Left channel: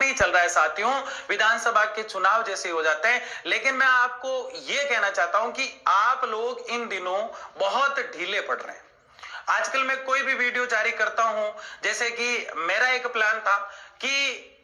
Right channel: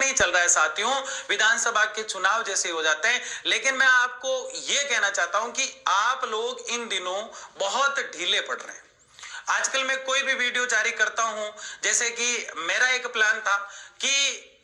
नहीं चल रहा है साथियों, विधानसभा के चुनाव जैसे हो जाते हैं। लेकिन मैं आपको यह कहना चाहता हूं कि आप लोग इन दिनों बहुत ढीले पड़ रहे हैं। आजकल मैं कोई भी वीडियो जारी करता हूं, जैसे कि मेरा एक प्लान था कि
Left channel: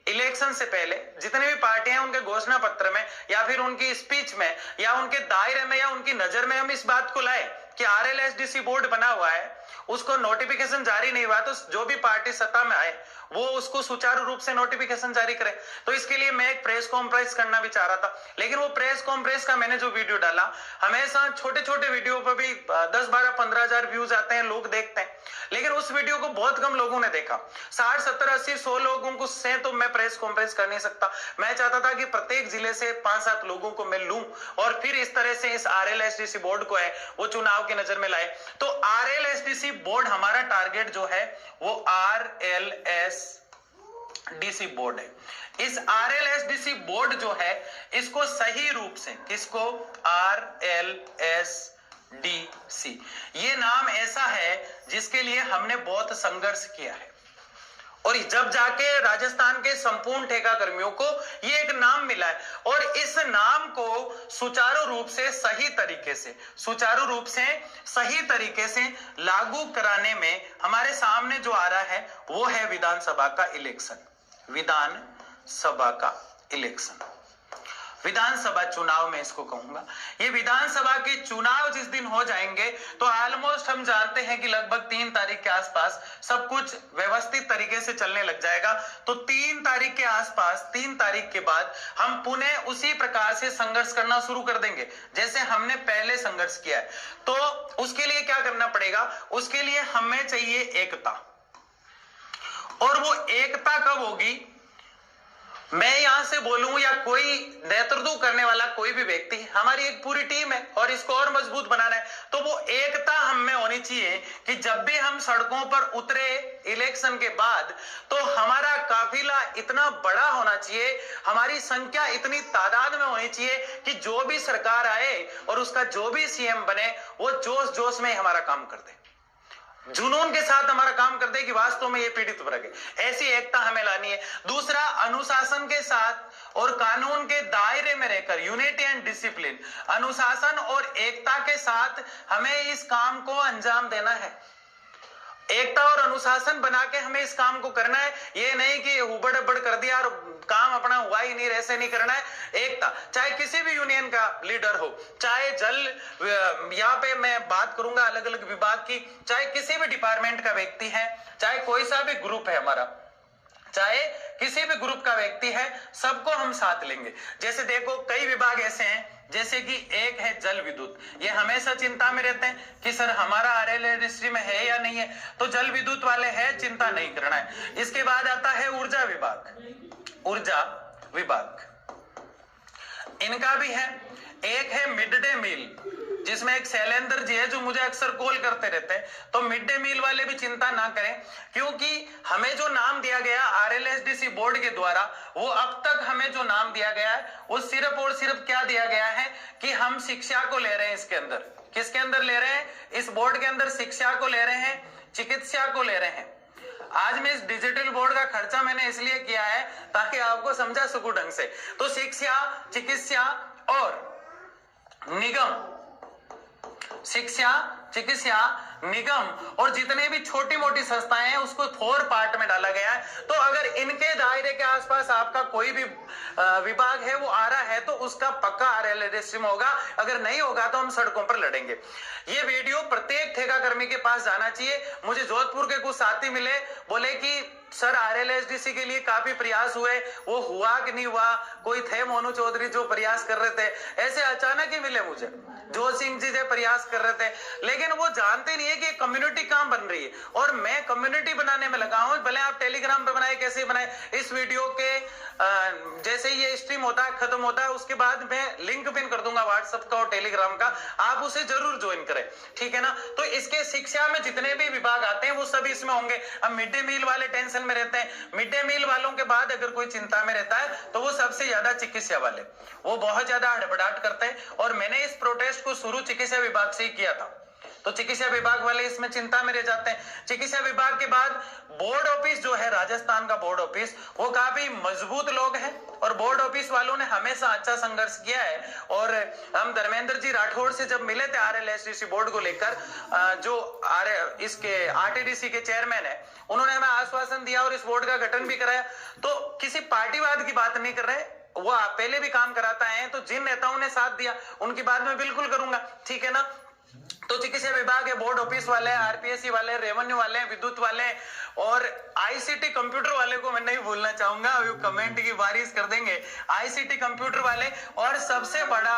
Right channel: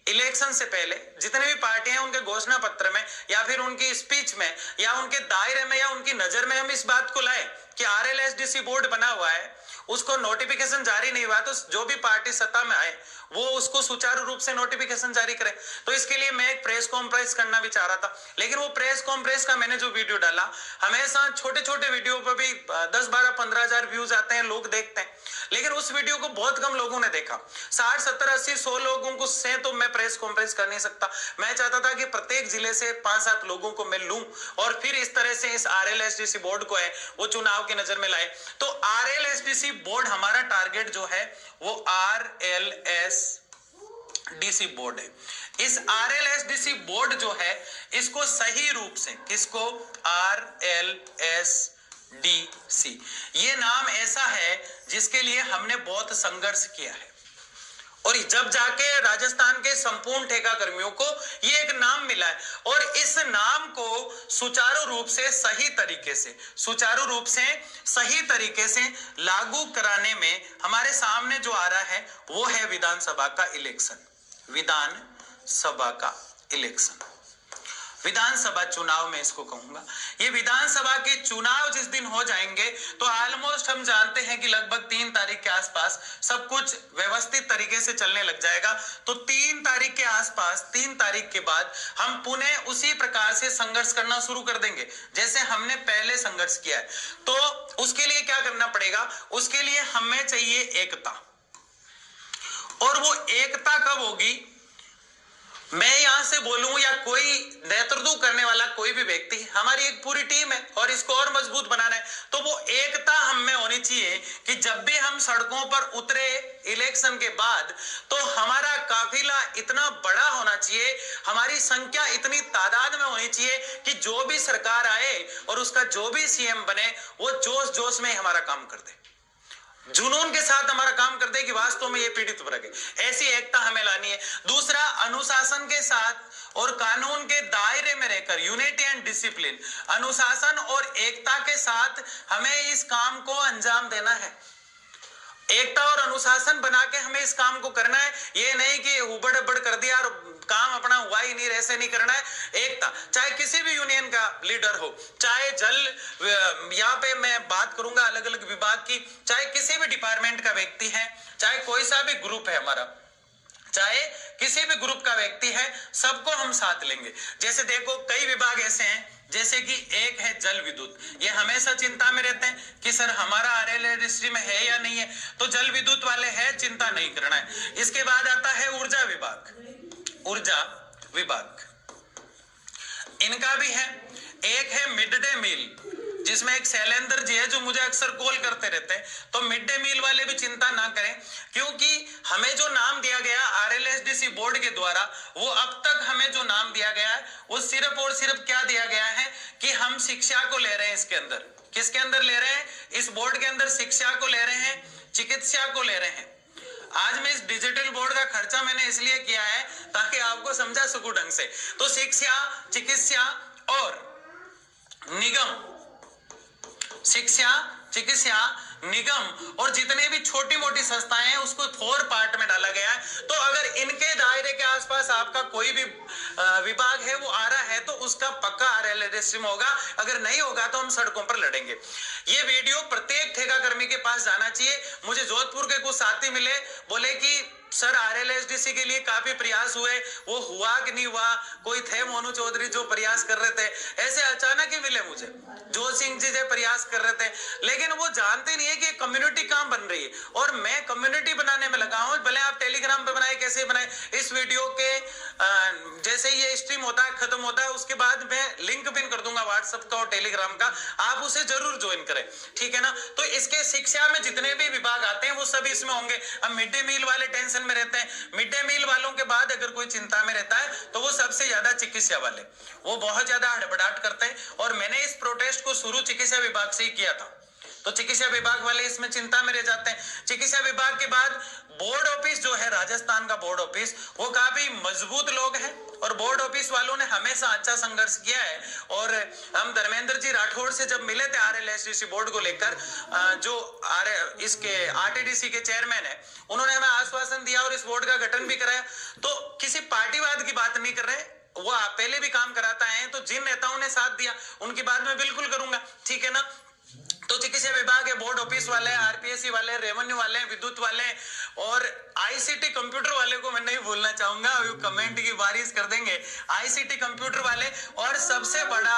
इलेक्शन से पहले जितने भी पार्टियां हैं उनके घोषणा पत्र में या फिर उनकी स्पीच में या उनके दायरे में या उनकी नजर में हम इस बात को लाए कि आरएलएसडीसी बोर्ड बना हुआ है, उसको नोटिफिकेशन जारी नहीं हुआ, तो जो भी पार्टी सत्ता में आए वो उसको सुचारू रूप से नोटिफिकेशन जारी करे। तो इसके लिए मैं एक प्रेस कॉन्फ्रेंस करना भी चाह रहा था, लेकिन वो प्रेस कॉन्फ्रेंस का मैंने जो वीडियो डाला, हमेशा छोटे छोटे वीडियो पर भी 10, 12, 15 हजार व्यूज आते हैं, लोग देखते हैं, लेकिन उस वीडियो को बहुत कम लोगों ने देखा। 60, 70, 80, 100 लोगों को से तो मैं प्रेस कॉन्फ्रेंस कर नहीं सकता। मैं चाहता था कि प्रत्येक जिले से 5-7 लोगों को मैं लूं और फिर इस तरह से इस आरएलएसडीसी बोर्ड को है वो चुनाव की नजर में लाए। तो आरएलएसडीसी बोर्ड हमारा टारगेट जो है वो आरएलएसडीसी बोर्ड है। इस आरएलएसडीसी बोर्ड जो है इसको सही रूप से, किसको, आरएलएसडीसी, ये नाम ऐसा है जिसके लिए हमने बहुत संघर्ष किया है और जब जाके राजस्थान के संपूर्ण ठेका कर्मियों को ये एक नाम मिला है और इस नाम को सुचारू रूप से सही तरीके से लागू कराने में हमारे सामने जो आ रहा है वो है विधानसभा का इलेक्शन, विधानसभा चुनाव में इसको कहूंगा। ये विधानसभा के चुनाव जिस दिन हो जाएंगे तो ऑलमोस्ट हम जानते हैं कि लगभग 3 तारीख के आसपास सब कुछ व्यवस्थित तरीके से चलने लग जाएगा। तो 3 तारीख के आसपास, 3 तारीख के बाद हम पुनः उसी प्रकार से संघर्ष करना शुरू कर देंगे जैसे हमने पहले संघर्ष किया है। तो उसके लिए क्या करना पड़ेगा, उसके लिए हमें चाहिए एकता, और वो एकता कब होगी, मैं यहां से बोलूं या कोई नेतृत्व करने वाला कोई भी व्यक्ति, हमारी एक पूरी टीम है और इसको और मजबूत बनाना है, तो वो एकता हम में होनी चाहिए कि जब भी हम सड़कों पर उतरे इलेक्शन के बाद तो हमारा काफिला इतना बड़ा होना चाहिए, हमारी संख्या इतनी तादाद में होनी चाहिए कि जो भी सरकार आए और उसका जो भी सीएम बने वो जोश जोश में हमारा काम कर दे, जुनून के साथ हमारा काम कर दे कि वास्तव में ये पीड़ित वर्ग है। ऐसी एकता हमें लानी है। दूसरा, अनुशासन के साथ और कानून के दायरे में रहकर, यूनिटी एंड डिसिप्लिन, अनुशासन और एकता के साथ हमें इस काम को अंजाम देना है। एकता और अनुशासन बना के हमें इस काम को करना है। ये नहीं कि उबड़ उबड़ कर दिया और काम अपना हुआ ही नहीं, ऐसे नहीं करना है। एकता, चाहे किसी भी यूनियन का लीडर हो, चाहे जल, यहाँ पे मैं बात करूंगा अलग अलग विभाग की, चाहे किसी भी डिपार्टमेंट का व्यक्ति है, चाहे कोई सा भी ग्रुप है हमारा, चाहे किसी भी ग्रुप का व्यक्ति है, सबको हम साथ लेंगे। जैसे देखो कई विभाग ऐसे हैं, जैसे कि एक है जल विद्युत, ये हमेशा चिंता में रहते हैं कि सर हमारा आरएलएसडीसी में है या नहीं है, तो जल विद्युत वाले हैं, चिंता नहीं करना है। इसके बाद आता है ऊर्जा विभाग, इनका भी है। एक है मिड डे मील, जिसमें एक शैलेंद्र जी है जो मुझे अक्सर कॉल करते रहते हैं, तो मिड डे मील वाले भी चिंता ना करें, क्योंकि हमें जो नाम दिया गया आरएलएसडीसी बोर्ड के द्वारा, वो अब तक हमें जो नाम दिया गया है वो सिर्फ और सिर्फ क्या दिया गया है कि हम शिक्षा को ले रहे हैं। इसके अंदर किसके अंदर ले रहे हैं, इस बोर्ड के अंदर शिक्षा को ले रहे हैं, चिकित्सा को ले रहे हैं। आज मैं इस डिजिटल बोर्ड का खर्चा मैंने इसलिए किया है ताकि आपको समझा सकूं ढंग से। तो शिक्षा, चिकित्सा निगम और जितने भी छोटी मोटी संस्थाएं हैं उसको 4 पार्ट में डाला गया है। तो अगर इनके दायरे के आसपास आपका कोई भी विभाग है वो आ रहा है तो उसका पक्का आरएलएसडीसी में होगा, अगर नहीं होगा तो हम सड़कों पर लड़ेंगे। ये वीडियो प्रत्येक ठेका कर्मी के पास जाना चाहिए। मुझे जोधपुर के कुछ साथी मिले, बोले कि सर आरएलएसडीसी के लिए काफी प्रयास हुए, वो हुआ कि नहीं हुआ, कोई थे मोनू चौधरी जो प्रयास कर रहे थे, ऐसे अचानक ही मिले मुझे, जोत सिंह जी जो प्रयास कर रहे थे, लेकिन वो जानते नहीं है कि कम्युनिटी कहां बन रही है और मैं कम्युनिटी बनाने में लगा हूं। भले आप टेलीग्राम पे बनाए, कैसे बनाए, इस वीडियो के जैसे ये स्ट्रीम होता है, खत्म होता है, उसके बाद मैं लिंक पिन कर दूंगा व्हाट्सएप का और टेलीग्राम का, आप उसे जरूर ज्वाइन करें, ठीक है ना। तो इसके शिक्षा में जितने भी विभाग आते हैं वो सभी इसमें होंगे। अब मिड डे मील वाले टेंशन में रहते हैं, मिड डे मील वालों के बाद अगर कोई चिंता में रहता है तो वो सबसे ज्यादा चिकित्सा वाले, वो बहुत ज्यादा हड़बड़ाहट करते हैं। और मैंने इस प्रोटेस्ट को शुरू चिकित्सा विभाग से ही किया था। तो चिकित्सा विभाग वाले इसमें चिंता में रह जाते हैं। चिकित्सा विभाग के बाद बोर्ड ऑफिस जो है, राजस्थान का बोर्ड ऑफिस, वो काफी मजबूत लोग हैं और बोर्ड ऑफिस वालों ने हमेशा अच्छा संघर्ष किया है। और हम धर्मेंद्र जी राठौड़ से जब मिले थे RLSTC बोर्ड को लेकर, जो इसके RTDC के चेयरमैन है, उन्होंने हमें आश्वासन दिया और इस बोर्ड का गठन भी कराया। तो किसी पार्टीवाद की बात नहीं कर रहे, वो पहले भी काम कराता है, तो जिन नेताओं ने साथ दिया उनकी बात मैं बिल्कुल करूंगा, ठीक है ना। तो चिकित्सा विभाग है, बोर्ड ऑफिस वाले, RPSC वाले, रेवेन्यू वाले, विद्युत वाले और ICT कंप्यूटर वाले को मैं नहीं भूलना चाहूंगा, कमेंट की बारिश कर देंगे। ICT कंप्यूटर वाले और सबसे बड़ा